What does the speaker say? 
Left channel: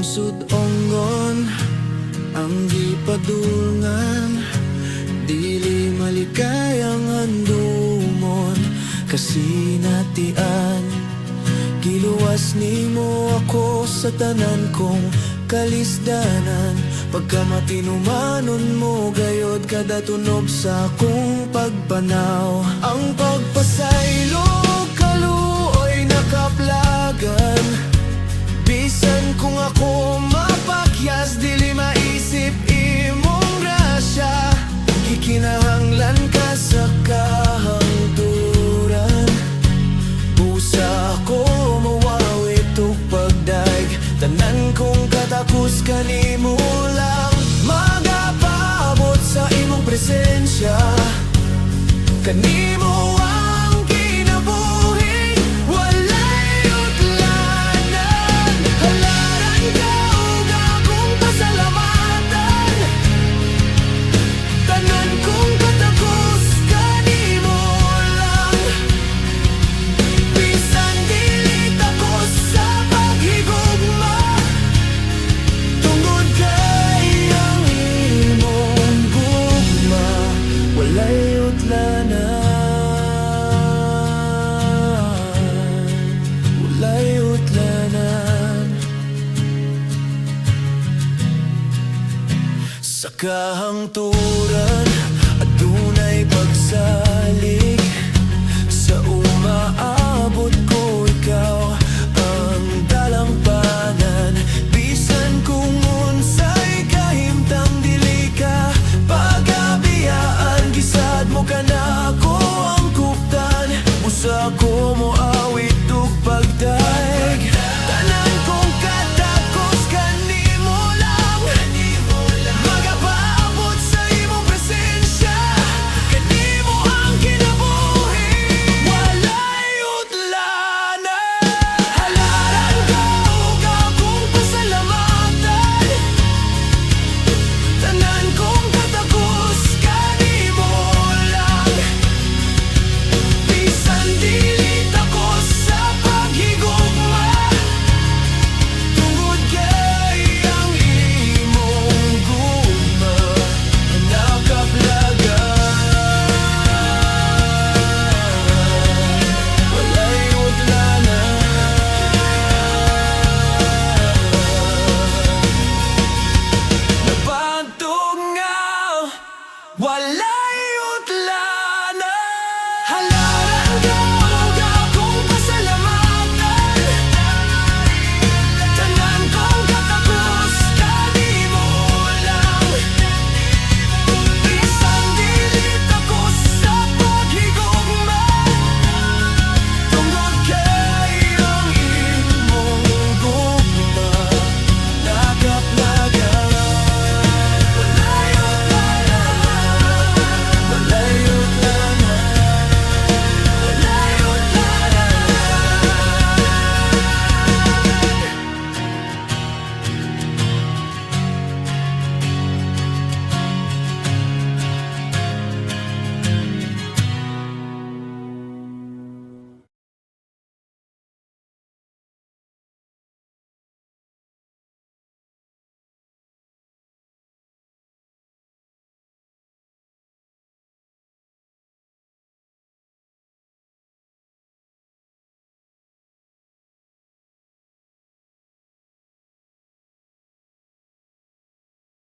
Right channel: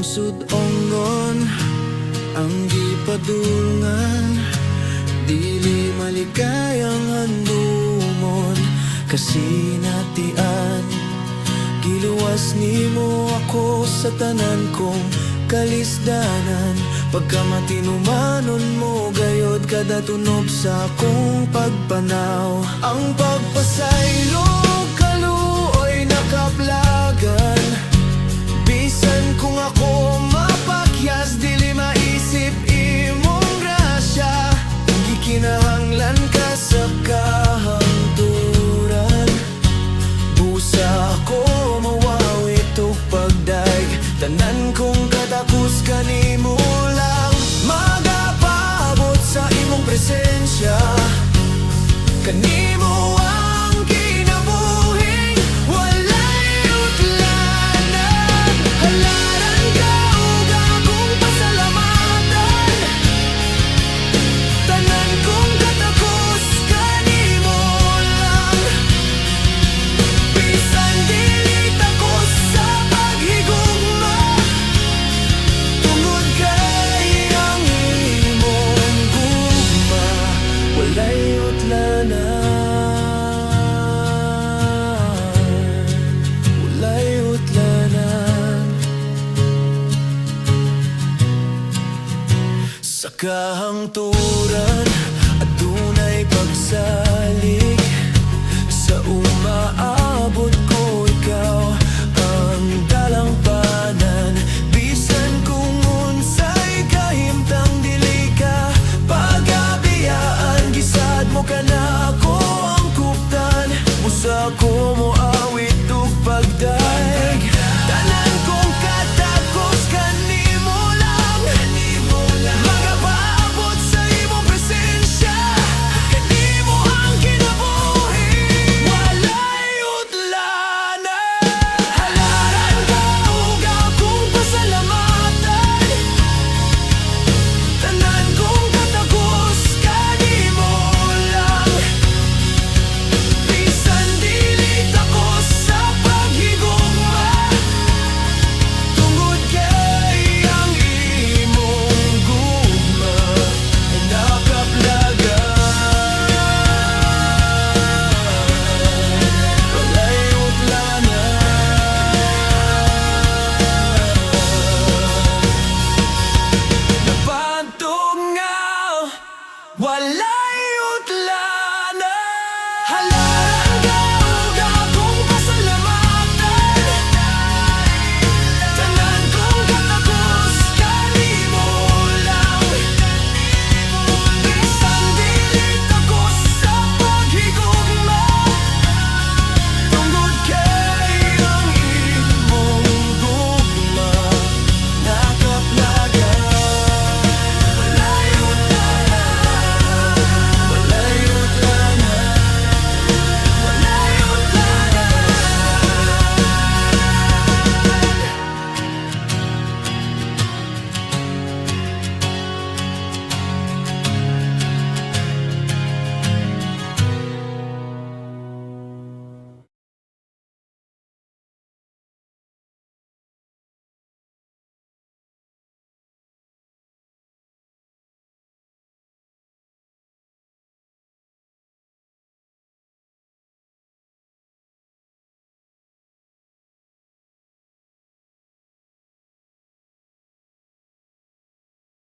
lungsod ongon ang gipadulngan, dili malikayang handumon kasinatian. Giluwas nimo ako sa tanan kong kalisdanan, pagkamatinumanon mo gayod kada tunob sa akong pagpanaw. Ang pagpasaylo kaluoy nakaplagan, bisan kung ako mapakyas dili maisip imong grasya. Gikinahanglan ka sa kahangturan, busa ako mawawit og pagdaig. Tanan kong katakus kanimo lang magapaabot sa imong presensya. Kanimo ang kinabuhing walay utlanan. Halaran ka ug akong pasalamatan. Tanan kong katakus kanimo lang, bisan dili takos sa paghigugma. Tungod kay ang imong gugma walay utlanan, walay utlanan. Sa kahangturan adunay pagsalig, sa umaabot ko ikaw ang dalangpanan. Bisan kung unsay kahimtang dili ka pagabiyaan, gisad mo ka na ako